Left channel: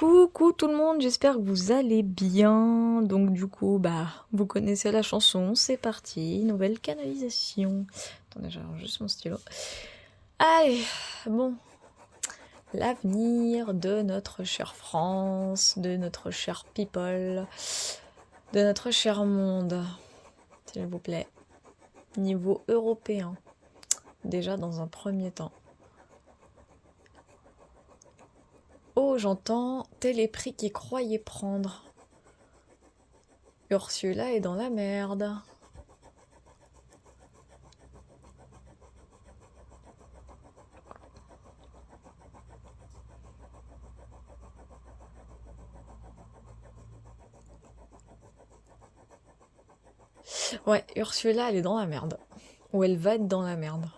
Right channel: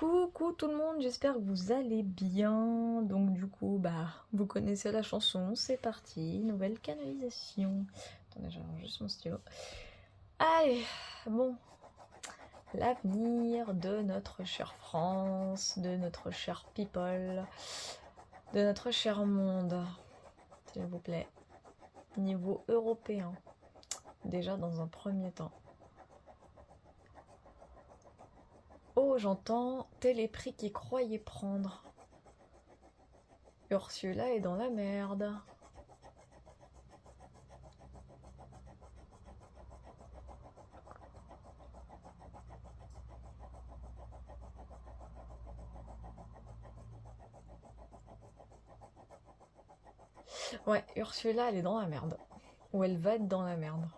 Coucou tout le monde, j'espère que vous allez bien. Donc du coup, vous connaissez la chanson, c'est parti, nouvelle canalisation. Attendez, j'arrange juste mon stylo. Allez, bon, l'avenir de notre chère France, de notre cher people, de notre cher monde, s'il vous plaît. Niveau européen, déjà dans un premier temps. Oh, j'entends Téléprix qui croyait prendre. Ursula est dans la merde. Ouais, Ursula, elle est dans la merde. Ou elle va être dans la merde.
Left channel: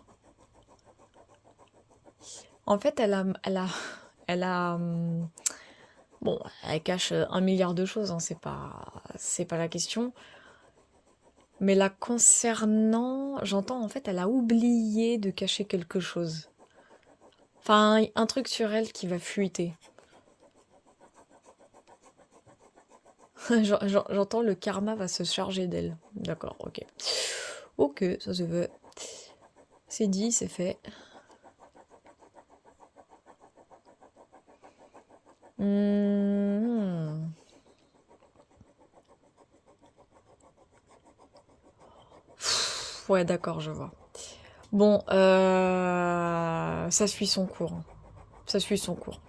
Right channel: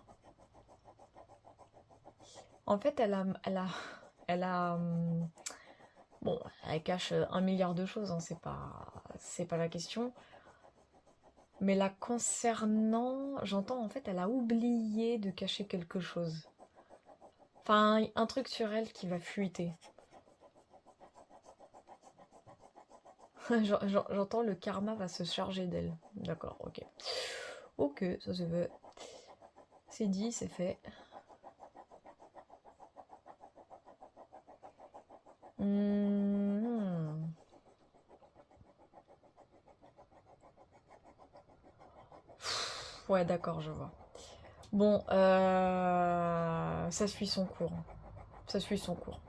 En fait, bon, elle cache 1 milliard de choses, hein, c'est pas la question. Mais la concernant, j'entends, en fait, elle a oublié de cacher quelque chose. Enfin, un truc sur elle qui va fuiter. J'entends le karma va se charger d'elle. D'accord, ok. Ok, ça se veut. C'est dit, c'est fait. Hmm. Ouais, d'accord, je vois. Bon, ça suit son cours. Ça suit son cours.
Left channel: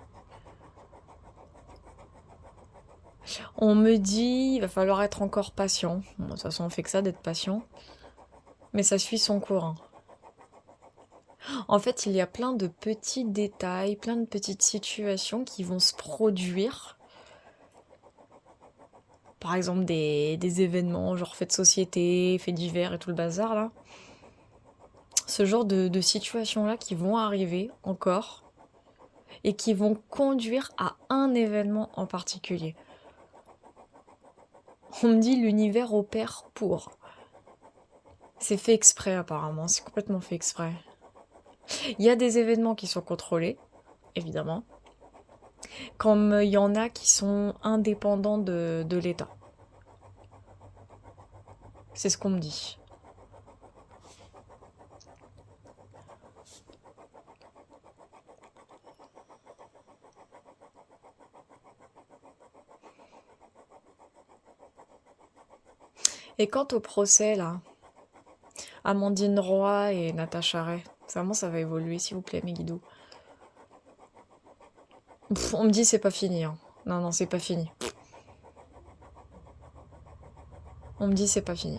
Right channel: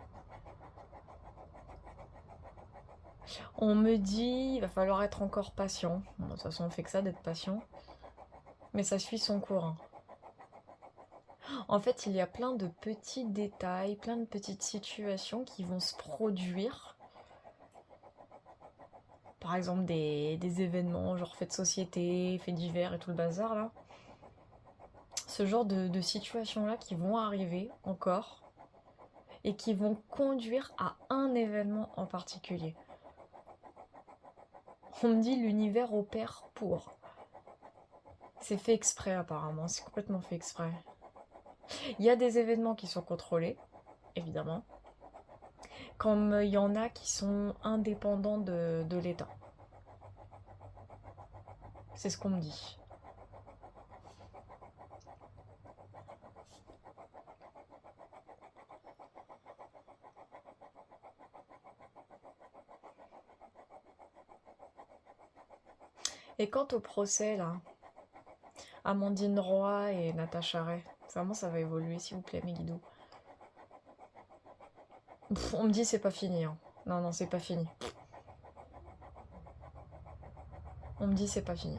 On me dit, il va falloir être encore patient. Bon, de toute façon, on fait que ça d'être patient. Mais ça suit son cours, hein. En fait, il y a plein de petits détails, plein de petites situations qui vont se produire. Par exemple, des événements, genre faits de société, faits divers et tout le bazar, là. Ce genre de situations-là qui vont arriver encore et qui vont conduire à un événement en particulier. On me dit l'univers opère pour. C'est fait exprès apparemment, c'est complètement fait exprès. Il y a des événements qui sont contrôlés, évidemment, comme il y en a qui sont indépendants de l'État. C'est ce qu'on me dit. Et quant au procès, là, Amandine Roy et Natacha Ray, vraiment ça va évoluer, s'il vous plaît, mes guidoux. On me dit c'est pas fini, hein. Non, non, c'est pas fini. On me dit c'est pas fini.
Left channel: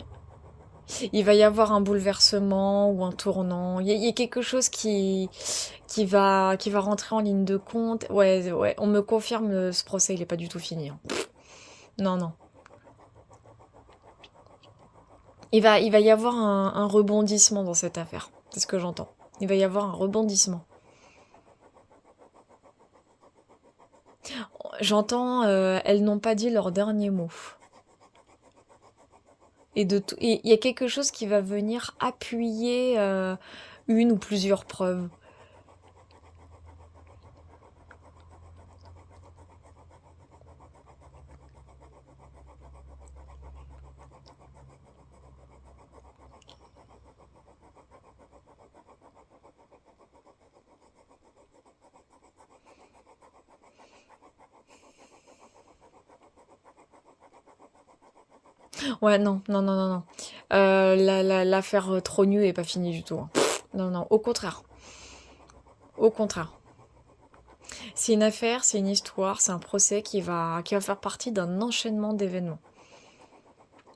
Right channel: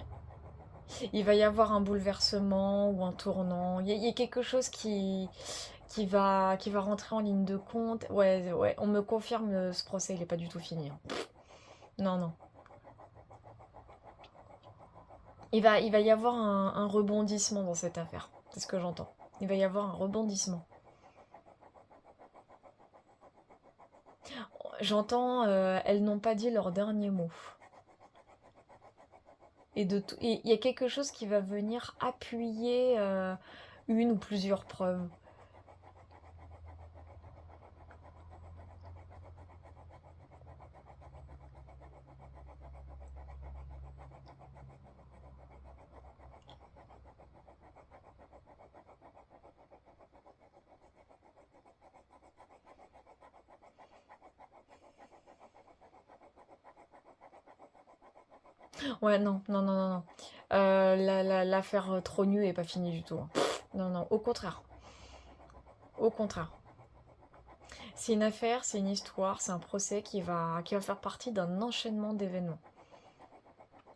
Il va y avoir un bouleversement ou un tournant. Il y a quelque chose qui va rentrer en ligne de compte. Ouais, ouais, on me confirme ce procès, il est pas du tout fini, hein. Non, non. Il va y avoir un rebondissement dans cette affaire. C'est ce que j'entends. Il va y avoir un rebondissement. J'entends, elles n'ont pas dit leur dernier mot. Et il y a quelque chose qui va venir appuyer une ou plusieurs preuves. Ouais, non, non, non, non, non. L'affaire Trogneux est pas finie du tout, hein. Non, non, au contraire. Au contraire. C'est une affaire, c'est une histoire, c'est un procès qui va faire partie d'un enchaînement d'événements.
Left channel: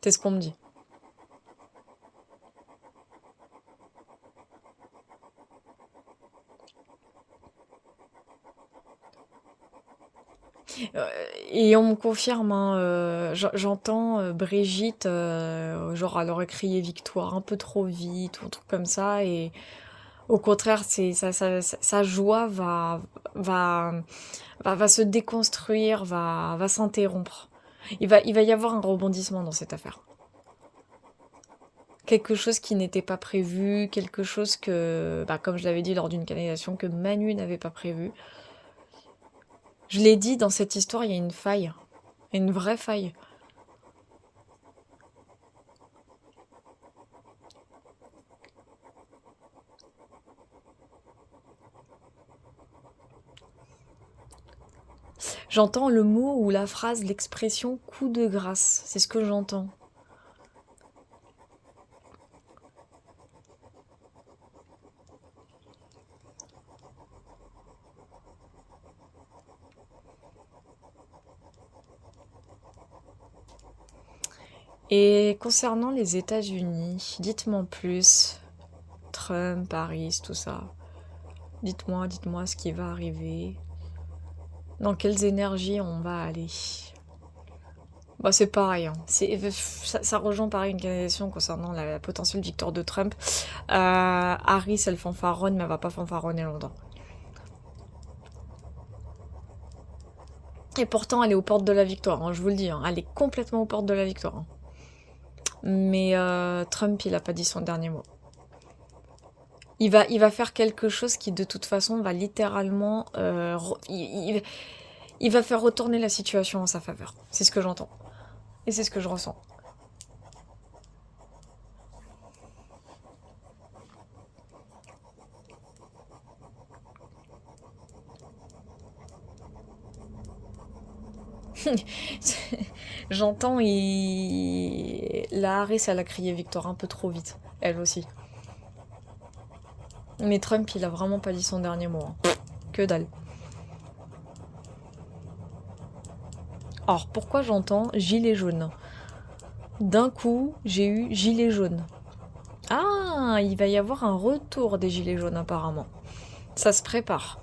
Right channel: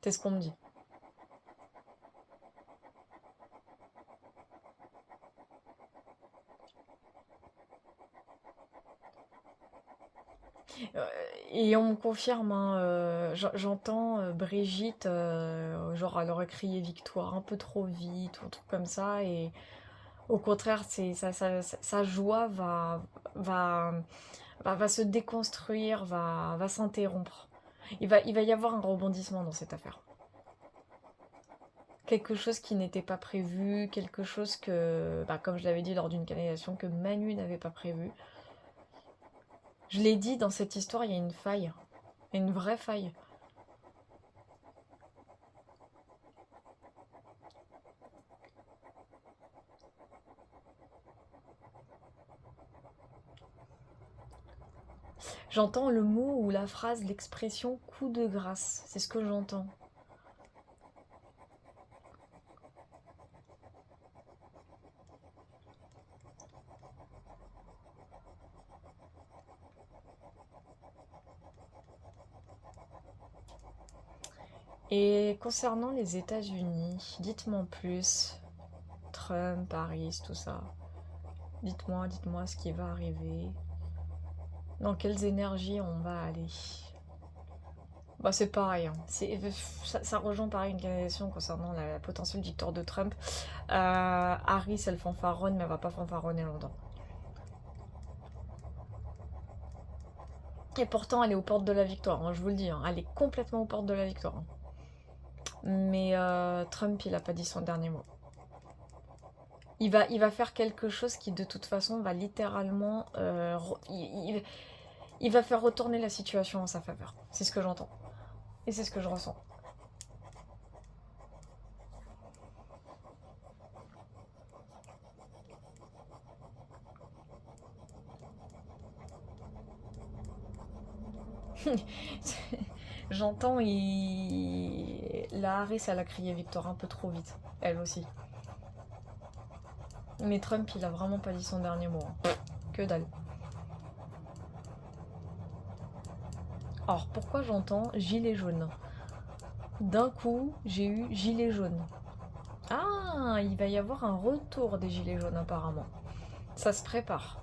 C'est ce qu'on me dit. Euh, et on me confirme, hein, j'entends Brigitte, genre elle aurait crié victoire un peu trop vite ou un truc comme ça, et au contraire, sa joie va, va se déconstruire, va s'interrompre. Il va y avoir un rebondissement dans cette affaire. Quelque chose qui n'était pas prévu, quelque chose que, comme je l'avais dit lors d'une canalisation, que Manu n'avait pas prévu. Je l'ai dit, dans cette histoire, il y a une faille. Il y a une vraie faille. J'entends le mot ou la phrase, l'expression coup de grâce. C'est ce que j'entends. Et concernant les États-Unis, dites-moi en plus. Trump, Harris, tout ça. Dites-moi ce qui va arriver. Dans quelles énergies on va aller. Bah, c'est pareil, hein. Ça rejoint pareil une question concernant la potentielle victoire de Trump. Harris, elle fanfaronne, mais elle va pas fanfaronner longtemps. Et pourtant, elle est aux portes de la victoire, hein, je vous le dis, hein. Elle est complètement aux portes de la victoire, hein. Mais Trump, il a pas dit son dernier mot. Il va faire quelque chose qui, de toute façon, va littéralement... il va faire retourner la situation en sa faveur. C'est ce que j'entends. Et c'est ce que je ressens. J'entends, la Harris, elle a crié victoire un peu trop vite. Elle aussi. Mais Trump, il a vraiment pas dit son dernier mot, hein. Que dalle. Alors, pourquoi j'entends gilet jaune? D'un coup, j'ai eu gilet jaune. Ah, il va y avoir un retour des gilets jaunes apparemment. Ça se prépare.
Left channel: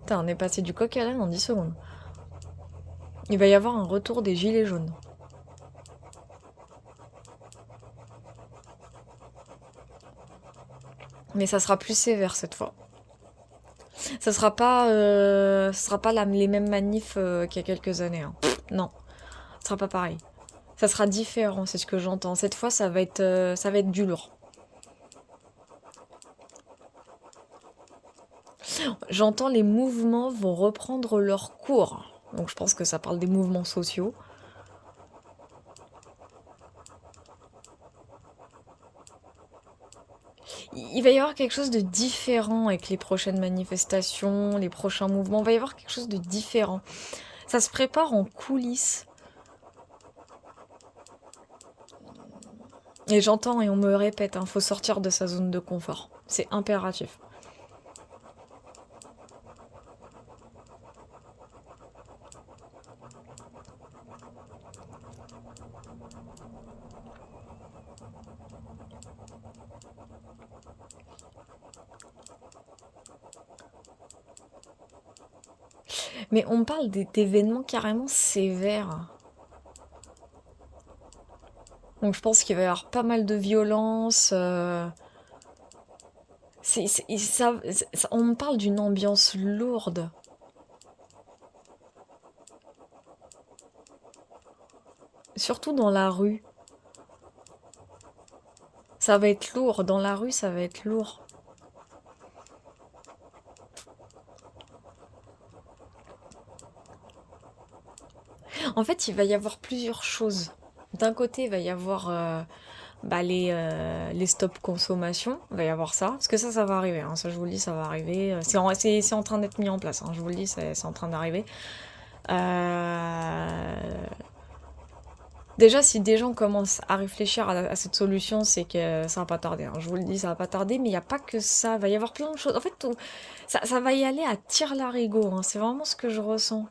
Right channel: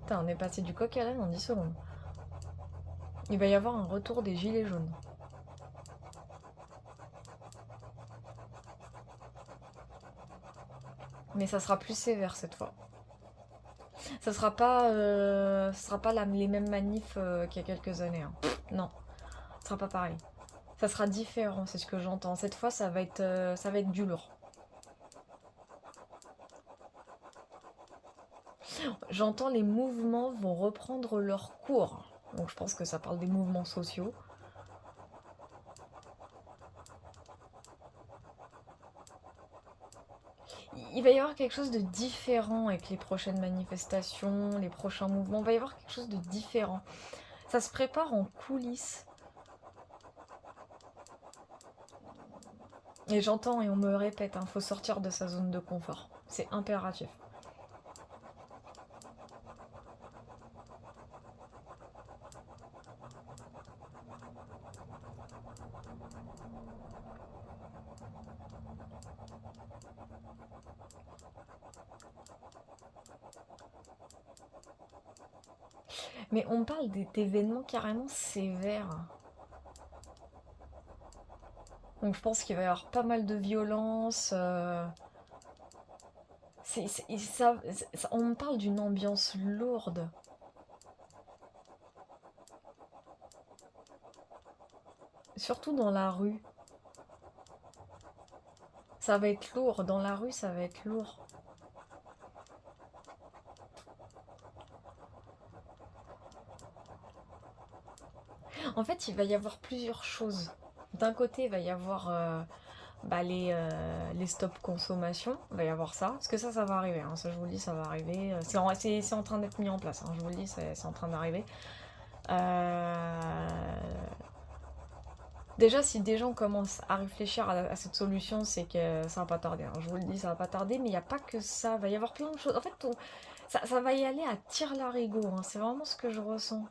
Putain, on est passé du coq à l'âne en 10 secondes. Il va y avoir un retour des gilets jaunes. Mais ça sera plus sévère cette fois. Ça sera pas les mêmes manifs qu'il y a quelques années, hein. Non, ça sera pas pareil. Ça sera différent, c'est ce que j'entends. Cette fois, ça va être du lourd. J'entends les mouvements vont reprendre leur cours. Donc je pense que ça parle des mouvements sociaux. Il va y avoir quelque chose de différent avec les prochaines manifestations, les prochains mouvements. Il va y avoir quelque chose de différent. Ça se prépare en coulisses. Et j'entends et on me répète, hein, faut sortir de sa zone de confort. C'est impératif. Mais on parle d'événements carrément sévères. Donc je pense qu'il va y avoir pas mal de violence. On me parle d'une ambiance lourde. Surtout dans la rue. Ça va être lourd. Dans la rue, ça va être lourd. En fait, il va y avoir plusieurs choses. D'un côté, il va y avoir les stop consommation. Il va y avoir ça. Parce que ça va arriver, hein. Ça, je vous le dis, ça va arriver. C'est en train d'être mis en place, hein. Je vous le dis, c'est en train d'arriver. Déjà, si des gens commencent à réfléchir à cette solution, c'est que ça va pas tarder, hein. Je vous le dis, ça va pas tarder, mais il n'y a pas que ça. Il va y avoir plein de choses. En fait, ça va y aller à tire-larigot, hein. C'est vraiment ce que je ressens.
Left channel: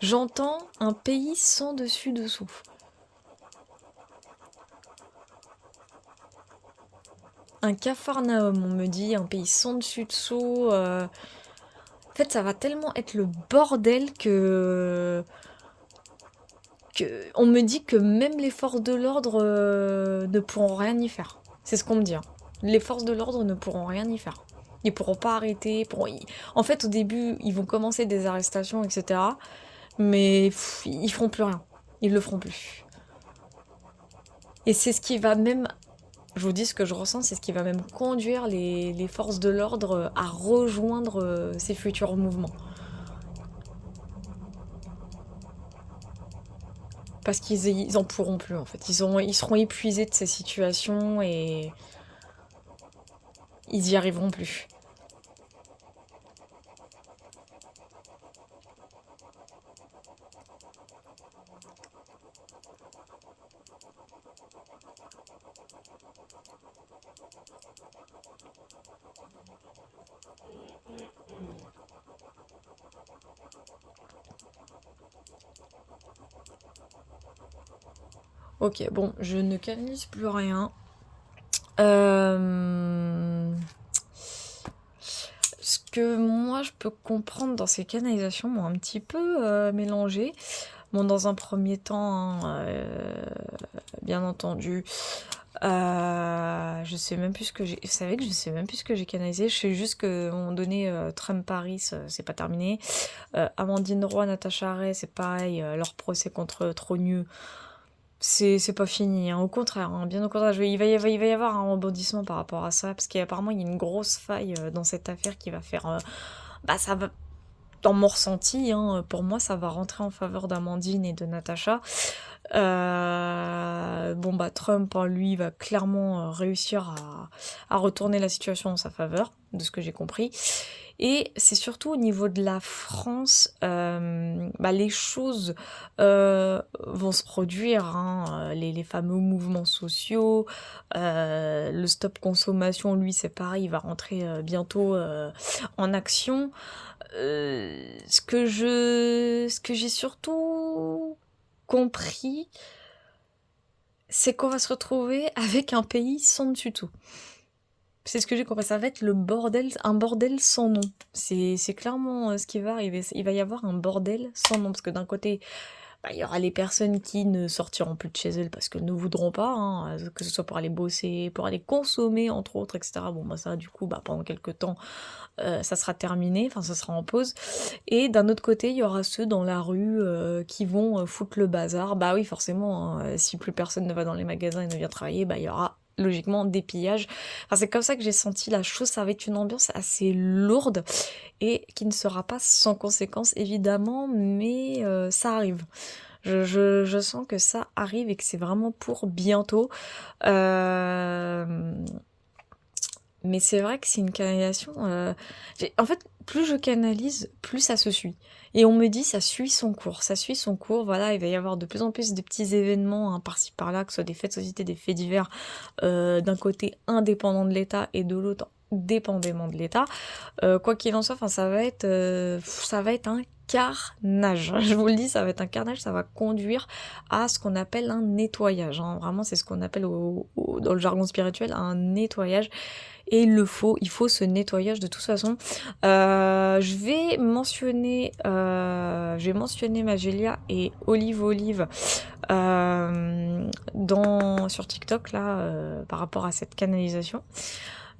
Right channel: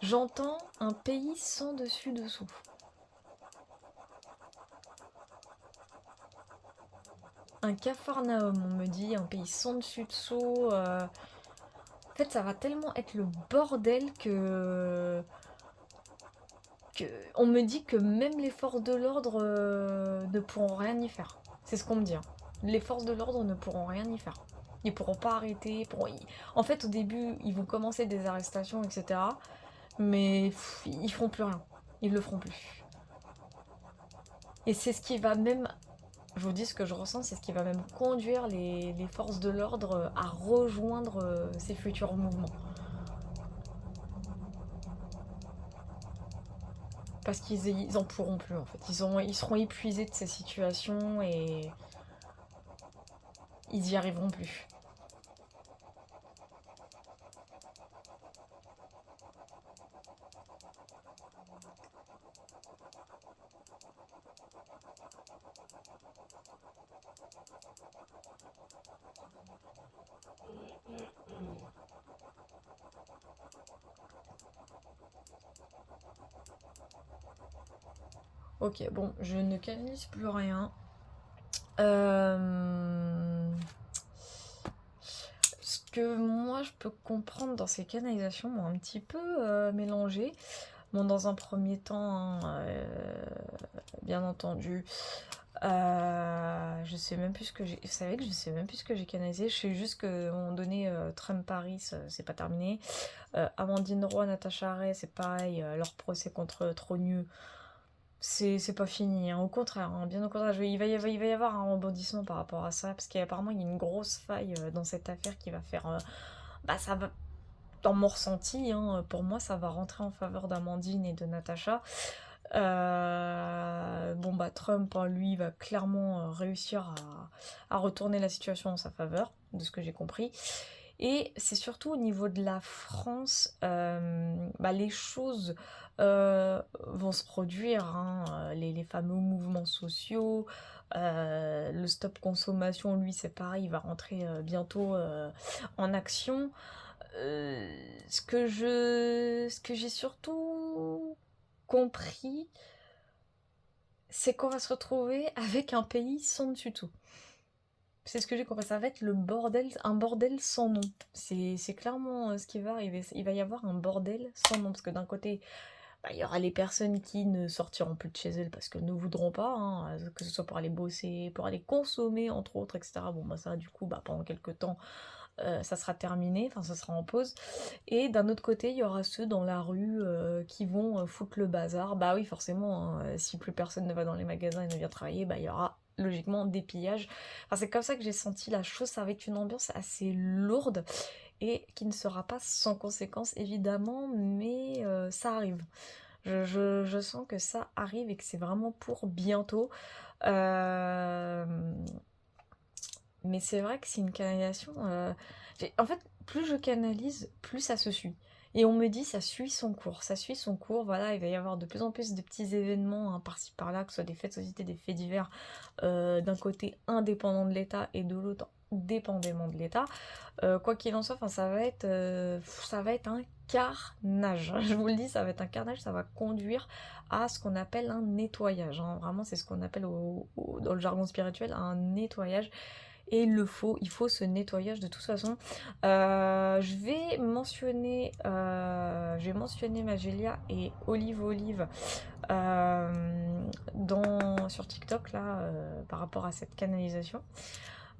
J'entends un pays sans dessus-dessous. Un Capharnaüm, on me dit, un pays sans dessus-dessous. En fait, ça va tellement être le bordel on me dit que même les forces de l'ordre ne pourront rien y faire. C'est ce qu'on me dit, hein. Les forces de l'ordre ne pourront rien y faire. Ils pourront pas arrêter. En fait, au début, ils vont commencer des arrestations, etc. Mais ils feront plus rien. Ils le feront plus. Et c'est ce qui va même, je vous dis ce que je ressens, c'est ce qui va même conduire les forces de l'ordre à rejoindre ces futurs mouvements. parce qu'ils en pourront plus, en fait. Ils seront épuisés de ces situations et ils y arriveront plus. Ok, bon, je ne canalise plus rien. Ce que moi je peux comprendre dans ces canalisations m'ont un petit peu mélangé. Bon, dans un premier temps, hein, bien entendu, je sais même plus ce que j'ai. Vous savez que je sais même plus ce que j'ai canalisé. Je sais juste qu'à un moment donné, Trump Paris, c'est pas terminé. Amandine Roy, Natacha Ray, c'est pareil. Leur procès contre Trogneux, c'est pas fini, hein. Au contraire, hein, bien au contraire. Il va y avoir un rebondissement par rapport à ça, parce qu'apparemment il y a une grosse faille dans cette affaire qui va faire. Bah, ça va. Dans mon ressenti, hein, pour moi, ça va rentrer en faveur d'Amandine et de Natacha. Bon, bah, Trump, hein, lui, va clairement réussir à retourner la situation en sa faveur, de ce que j'ai compris. Et c'est surtout au niveau de la France, bah, les choses vont se produire, hein, les fameux mouvements sociaux, le stop consommation, lui, c'est pareil, il va rentrer bientôt en action. Ce que j'ai surtout compris, c'est qu'on va se retrouver avec un pays sans dessus-dessous. C'est ce que j'ai compris, ça va être le bordel, un bordel sans nom. C'est clairement ce qui va arriver. Il va y avoir un bordel sans nom, parce que d'un côté, bah, il y aura les personnes qui ne sortiront plus de chez elles parce qu'elles ne voudront pas, hein, que ce soit pour aller bosser, pour aller consommer, entre autres, etc. Bon, bah ça, du coup, bah, pendant quelques temps, ça sera terminé, enfin, ça sera en pause. Et d'un autre côté, il y aura ceux dans la rue qui vont foutre le bazar. Bah oui, forcément, hein, si plus personne ne va dans les magasins et ne vient travailler, bah il y aura logiquement des pillages. Enfin, c'est comme ça que j'ai senti la chose. Ça va être une ambiance assez lourde et qui ne sera pas sans conséquence, évidemment, mais ça arrive. Je sens que ça arrive et que c'est vraiment pour bientôt. Euh, mais c'est vrai que c'est une canalisation. En fait, plus je canalise, plus ça se suit. Et on me dit, ça suit son cours. Ça suit son cours. Voilà, il va y avoir de plus en plus de petits événements, hein, par-ci par-là, que ce soit des faits de société, des faits divers, d'un côté indépendant de l'État et de l'autre dépendamment de l'État. Quoi qu'il en soit, enfin, ça va être un carnage. Je vous le dis, ça va être un carnage. Ça va conduire à ce qu'on appelle un nettoyage, hein. Vraiment, c'est ce qu'on appelle dans le jargon spirituel un nettoyage. Et il faut ce nettoyage de toute façon. Je vais mentionner Magélia et Olive sur TikTok là, par rapport à cette canalisation.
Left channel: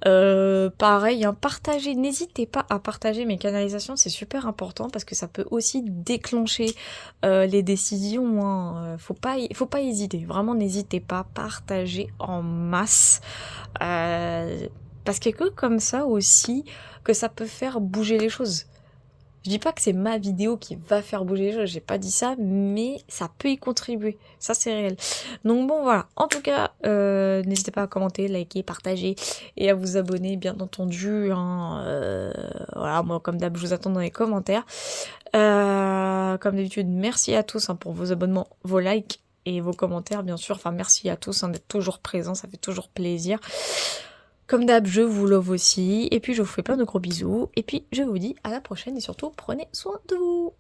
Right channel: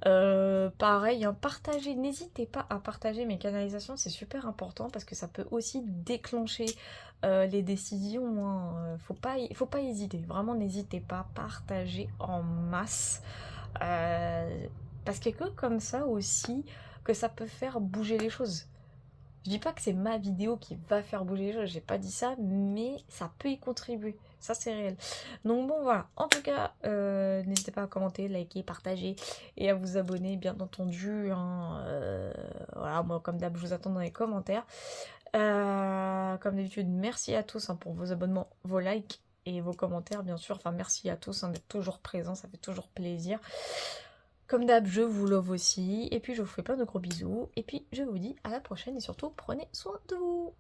Pareil, hein, partagez, n'hésitez pas à partager mes canalisations, c'est super important parce que ça peut aussi déclencher les décisions, hein. Faut pas hésiter, vraiment n'hésitez pas, partagez en masse. Parce qu'il y a que comme ça aussi que ça peut faire bouger les choses. Je dis pas que c'est ma vidéo qui va faire bouger les choses, j'ai pas dit ça, mais ça peut y contribuer. Ça, c'est réel. Donc bon, voilà. En tout cas, n'hésitez pas à commenter, liker, partager et à vous abonner, bien entendu, hein. Voilà, moi, comme d'hab, je vous attends dans les commentaires. Comme d'habitude, merci à tous, hein, pour vos abonnements, vos likes et vos commentaires, bien sûr. Enfin, merci à tous, hein, d'être toujours présents, ça fait toujours plaisir. Comme d'hab, je vous love aussi. Et puis, je vous fais plein de gros bisous. Et puis, je vous dis à la prochaine. Et surtout, prenez soin de vous.